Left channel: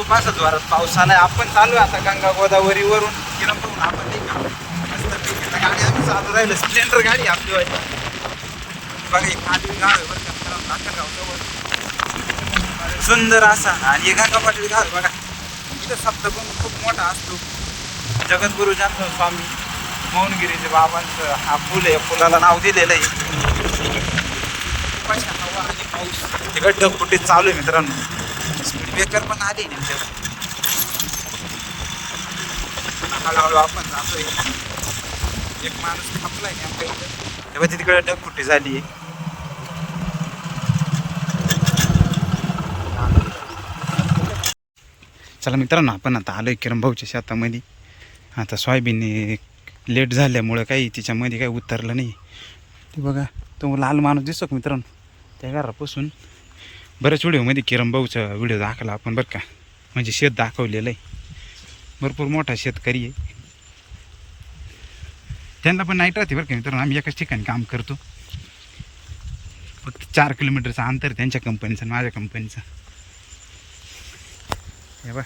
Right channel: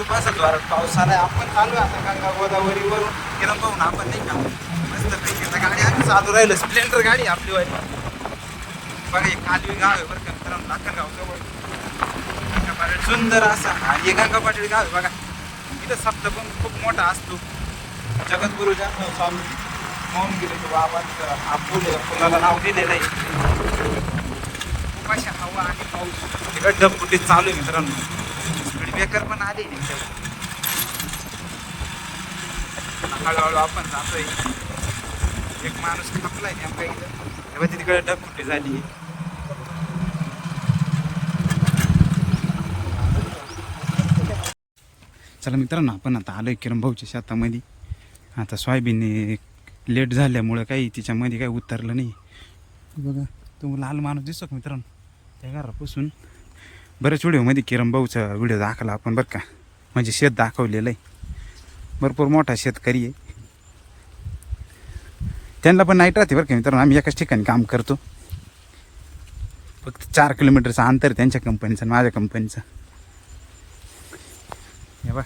खूप असं जोरात पाऊस आलाय. आपण चालू आहे आता गंगा गोदावरीवरून. किरण पाहून आपण नाही का? मस्त गाडी आम्ही चालू राहिलो. स्प्लेंडर गाडी आपली व्हायला बघा एक खाली गाव आहे बरं का. मित्रांनो लाखनगाव जवळ. सुंदर असा. आणि हे गंगा पाटवी गाव बघा. इथं सप्तकुंड खूप मोठा असतो. जगद्गुरु जन्म स्वामी मौनगिरीचे बाबांचं हा पूल आहे. पुलाला नाव दिलेलं आहे. खूप हे हवा आणि पाऊस. तिकडे चालू आहे मित्रांनो. स्पीड ब्रेकर पण आले नेमच्या हळूहळू आपण जातोय. एक माणूस खपलाय नेमका इथं. तेव्हा तिकडे ढगफुटी झाली. आहे चला मित्रांनो आपण आता आलोय किरण भाऊच्या शेतामध्ये. आता सोयाबीन लेट झाल्यामुळं काही तिच्यामध्ये काही उतरलं नाही. ते बघा तो लाल माणूस दिसतो मित्रांनो? त्या घरापासून बऱ्याच व्हिडिओमध्ये किरण भाऊचा व्हिडिओ दाखवला आपण बरं का. म्हणजे शेत दाखवलेलं आहे भरपूर मोठा शेतकरी आहे. त्यांना पण नाईट राहते बरं का मित्रांनो. आम्ही एकाच ठिकाणी काम करतो. फक्त चार किलोमीटरचं अंतर आहे त्यांच्या कंपनीचं आणि माझ्या कंपनीचं हे बघ.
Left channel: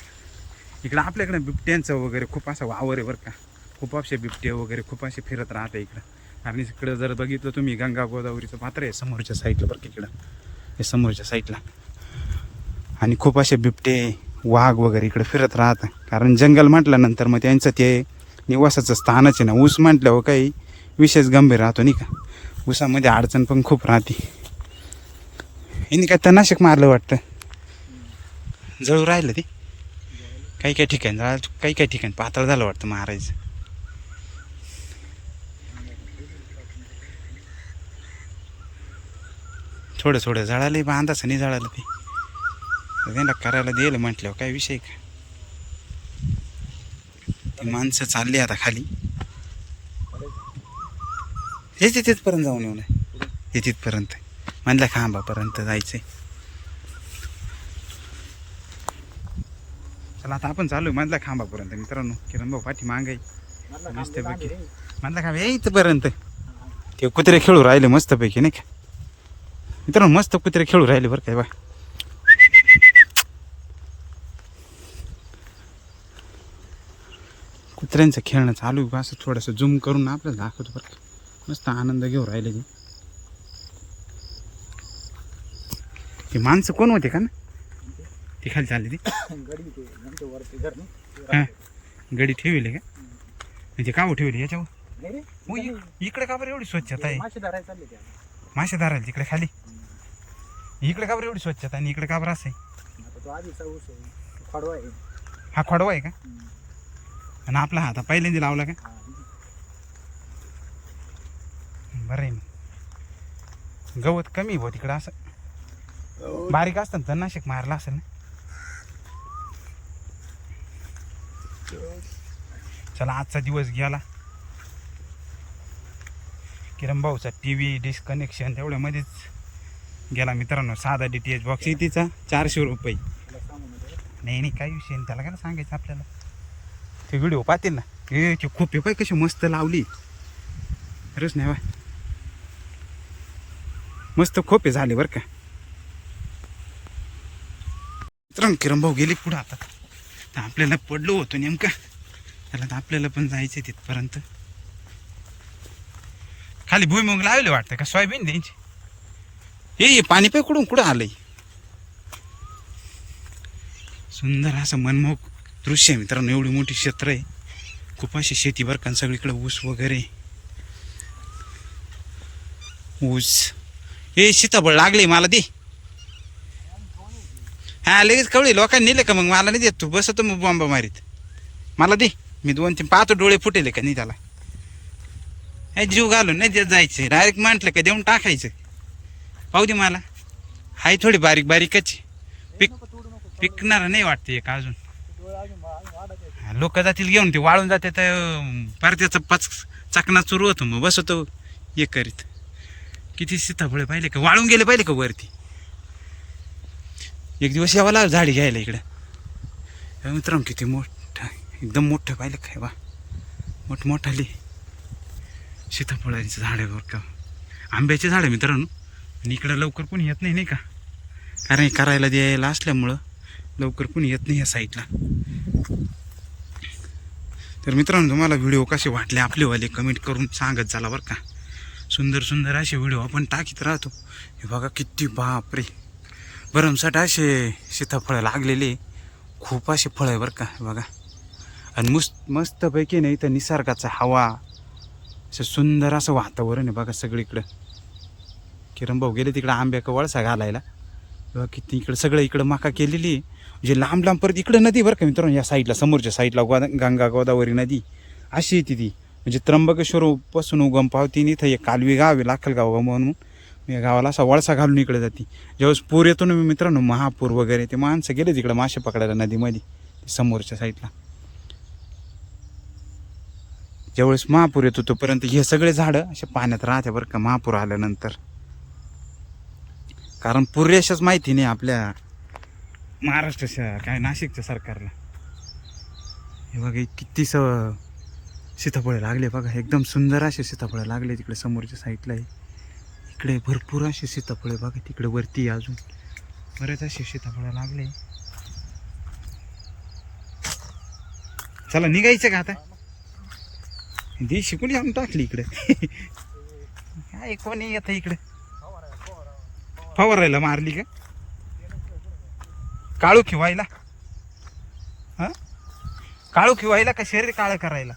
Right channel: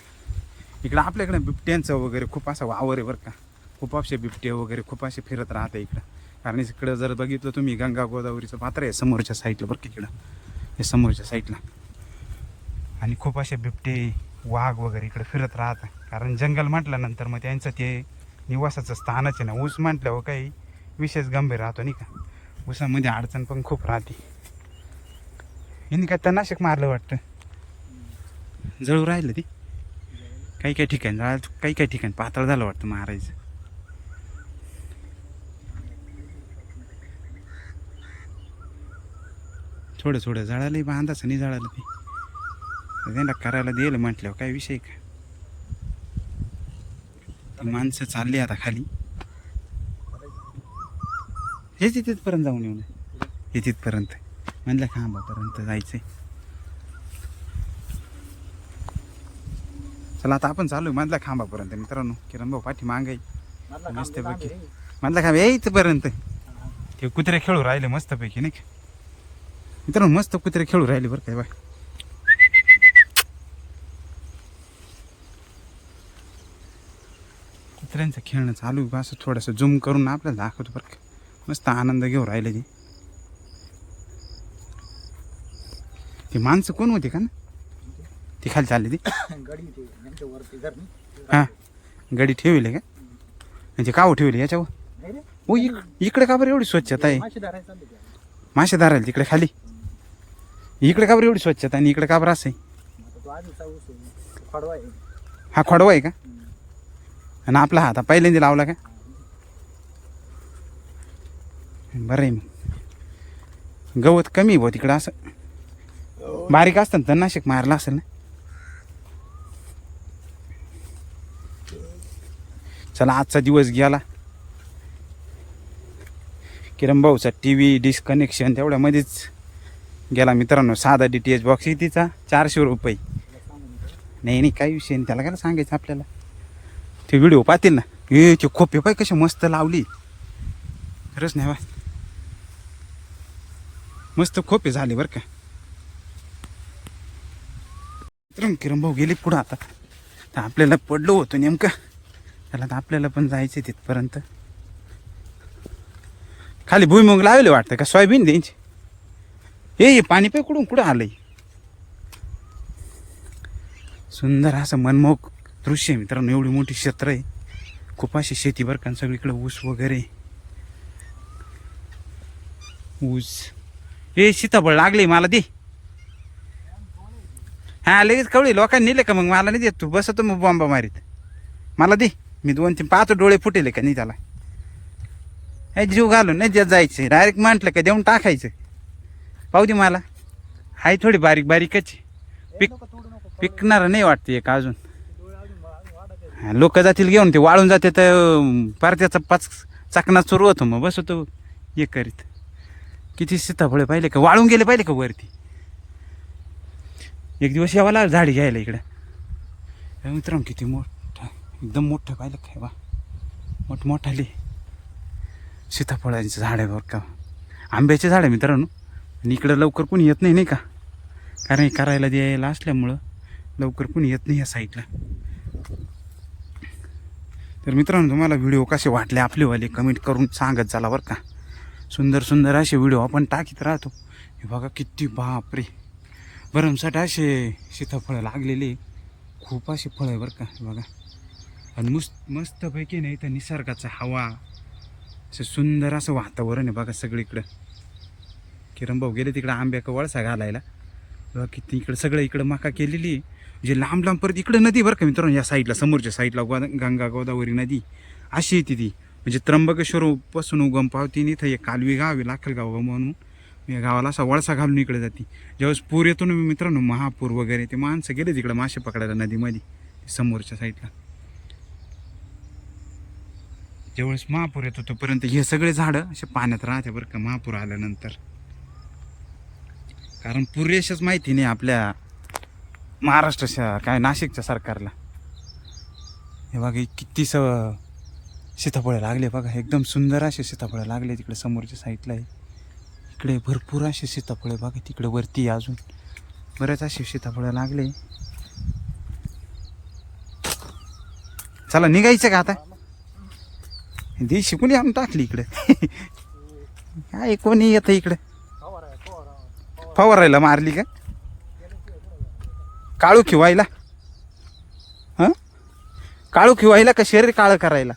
इकडं आपल्याकडे बिबट्यांचं वगैरे खूप असं वावर आहे बरं का. खूप असे बिबटे वगैरे खूप असे फिरत राहते इकडं. कारण इकडं जर बघितलं तुम्ही गंगा गोदावरीचं पात्र आहे समोरच्या साईडला बरं का इकडं. हे समोरच्या साईडला आणि खूप असे बिबटे वाघ वगैरे इकडे फिरत राहतं. कारण जंगल म्हटल्यानंतर मग त्यांचं ते निवासाचं स्थानच आहे ना. ऊस म्हटल्यावर काही विशेष गंभीर राहतो नाही का? ऊसामध्ये अडचण पण खूप राहते. यांनी काय तनाशक मारलं वाटतं? जळू राहिलं ते? काही काही ठिकाणी काही काही ठिकाणी पातळ झालं वाटतं महाराज थोडं थोडं जळालं बा अंदाज नाही जळालं ते. त्यांना करायला दिलं म्हटल्यावर काय विषय का? ती माणसं चालली आता खाली. हे तिथपर्यंत जाऊन येऊ नये. हे तिथपर्यंत. म्हणलं खांबापर्यंत जायचंय. चला आता आपण चालू मधल्या खांबापर्यंत मित्रांनो. किरण भाऊ पाठी मागाई मस्त पैकी मधल्या खांब येईपर्यंत ते कुत्रे खेळू राहिले मस्तपैकी नाही का? मित्रांनो मस्त कुत्रे खेळू राहिले बरं काय बा कुत्र्यांचं खेळणं चालू असं थोडंसं झूम करून आपल्याला दाखवतो बरं का. मस्त आनंद घेऊ राहिले ते. ते माणसं कोण होते का ना? ती खाली चालली ती. हां गडी ठेवले का? म्हणजे का हो ठेवले याच्यावर? हो इक- इकडे का बरं एवढी स्वच्छता आहे? मासे धरायला तिकडे खाली? इकडे का बरं एवढी स्वच्छता आणि इकडे का बरं असं आहे? आता तो आधीचा ऊस आहे तो खडवा आहे. हा खोडवा आहे का? हम्म. आणि आपला हात पहिल्यांदा लावला का. बरं आहे मग. गवत कमी आहे भाऊ तिकडं असं. बारीक असतं ना तर नाशिक मारला असेल ना? चला आजचा दिवस गेला. किरण भाऊचा टी व्ही डिस्कनेक्शन तेवढ्यामध्येच. गेला मित्रांनो साधा डी टी एच बॉक्स तिचा चारशे रुपये. नाही नाही काही विषय नाही त्याला काय सांगायचं आपल्याला? ते व्हिडिओ पाहतील ना. हे ते खोपे पाय कसे मस्त लावली. खरंच नाही बा. मस्त खोपे झाले बरं का. मित्रांनो किरण भाऊ गेले पुढं आता. तर आपल्याला पडलो होतो नेमकं. त्याला तर आपल्याला पण जायचं तिथपर्यंत. खाली भुईमुग लावले वाटतं का? सोयाबीन द्यायची. हे पाणी पाय कुठून कुठं आलंय? सुंदर असं मनमोहक दृश्य आहे मित्रांनो. एवढी मोठी क्षेत्र आहे. खूप अशी शेती बरं का सगळीकडे ऊस वगैरे. ऊस. हे सीताफळ लागले मला दे. हा लगेच कवळी लोकांनी नेले का मग? मला नाही देत तू. बसतो मग बॉम्बा मारीत. मला दे. मी दोन तीन पाहतो डोळे फुटेले का? नाही त्याला. हे जीव घालून नाही देत जायचं. डायरेक्ट म्हटलं का देऊन टाकायचं. पाहू दे मला. आहे थोडी बारीक बारीकच पिक पिकणार नाही वाटते एक अजून. लोक जातील घेऊन ते वाळून जाते तर पार त्याचा पाच चाकणा सुरू होतो मग बसतो हे करीत. किती सीताफळे पाहिले का? वाळून गेले पाहिले का वरती? एक दिवस यावा लागला झाडी घ्यायला इकडं. हे मित्रांनो किती मोठं एकदम मोठं पाहिलं काय बा. मोठमोठाले. सीताफळांचं झाडं बरं का. आंब्याचे झाडं मित्रांनो. आणि इकडं लवकर कोणी येत नाही नाही का? कारण करायला द्यायला असल्यामुळं लवकर कुणी येत नाही या साईडला. तर मित्रांनो तुम्हाला व्हिडिओ कसे वाटले आपलेवाले कमेंट करून सांगत झाला बरं का. सुंदर सुंदर असे व्हिडिओ आपण टाकीत राहतो. हे बघा किती बापरे. भरमसाठ असे सीताफळं लागलेले. खूप असे फळं आहे बरं का हे बघा. आणि मस्त मस्तपैकी नाही तर निसर्गाचा हवा. असं सुंदर असं वातावरण आहे बघा सगळीकडं. किरण भाऊ गेले तिकडं आंब्याचा वळसा घालायला. बघा किती इकडं सगळं इकडं माका केलेली. आहे म्हणजे लांब लांब परत इकडं नदी बरं का मित्रांनो या साईडला समोरच्या साईडला गोदा गंगा गोदावरी नदी. अशी येते ती म्हणजे त्र्यंबकेश्वर पासून उगम पावती इथं एक कालवी गाव आहे लाखलगाव म्हणून. मी या गावाला असा वळसा घालून इकडे जाते. ज्यावेळेस पूर येतो ना मित्रांनो महापूर वगैरे ते माणसं गेले तिकडं मासे पकडायला नदीमध्ये ते समोरच्या साईडला. ज्यावेळेस महापूर येतो तोपर्यंत हे सगळे झाडं असे पाण्यात राहते बरं का महापूर आल्यानंतर. कारण पुरेशाच माहिती नाही आपल्या महाराष्ट्राच्या काय नाशिकच्या सरकारला. हे बघा किती स सीताफळं लागले बघा. एकदम सुंदर असे सीताफळं लागले तिकडे समोरच्या साईडला. आहे इकडे भरपूर असे सीताफळे बघा तिकडे वरती आहे अजून. बरेच असे सीताफळं लागले. चला निघायचं का आता? दी शिकून आणून टाकली इकडे? काय कोणी येतं इकडे? फवारायला मारली का? काळू खिवायला? हां? काळू खिवायला का शरीर काळं करायला?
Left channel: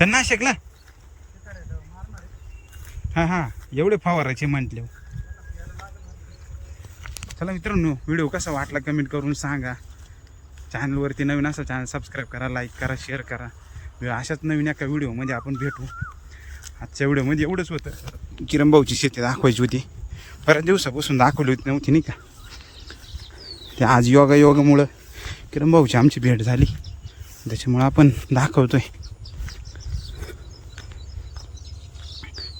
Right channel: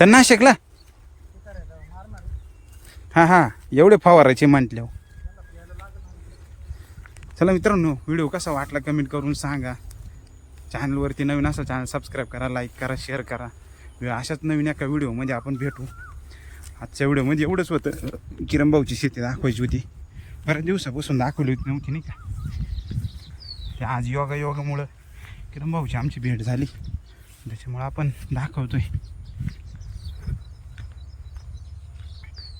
तर ना शिकला हां हां. एवढे फवारायचे म्हटले चला मित्रांनो व्हिडिओ कसा वाटला कमेंट करून सांगा. चॅनलवरती नवीन असं चॅनल सबस्क्राईब करा लाईक करा शेअर करा. अशाच नवीन एका व्हिडिओमध्ये आपण भेटू. आजच्या व्हिडिओमध्ये म्हणजे एवढंच होतं. किरणभाऊची शेती दाखवायची होती. बऱ्याच दिवसापासून दाखवली होती नव्हती नाही का? ते आज योगा योगामुळं किरणभाऊची आमची भेट झाली. त्याच्यामुळं आपण दाखवतोय.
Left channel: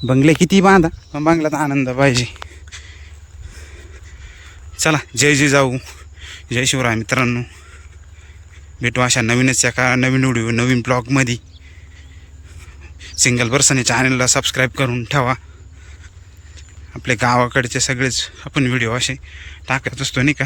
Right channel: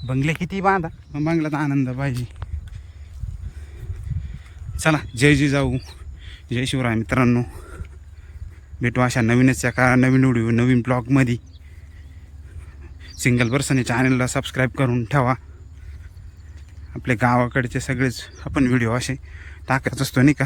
बंगले किती बांधा पण बंगल्यात आनंद पाहिजे. चला जय जय जाऊ. जय शिवराय मित्रांनो. भेटू अशा नवीनच एका नवीन व्हिडिओ नवीन ब्लॉगमध्ये. सिंगल पर्सन चॅनलला सबस्क्राईब करून ठेवा. आपले गावाकडचे सगळेच आपण व्हिडिओ असे टाकत असतो नाही का?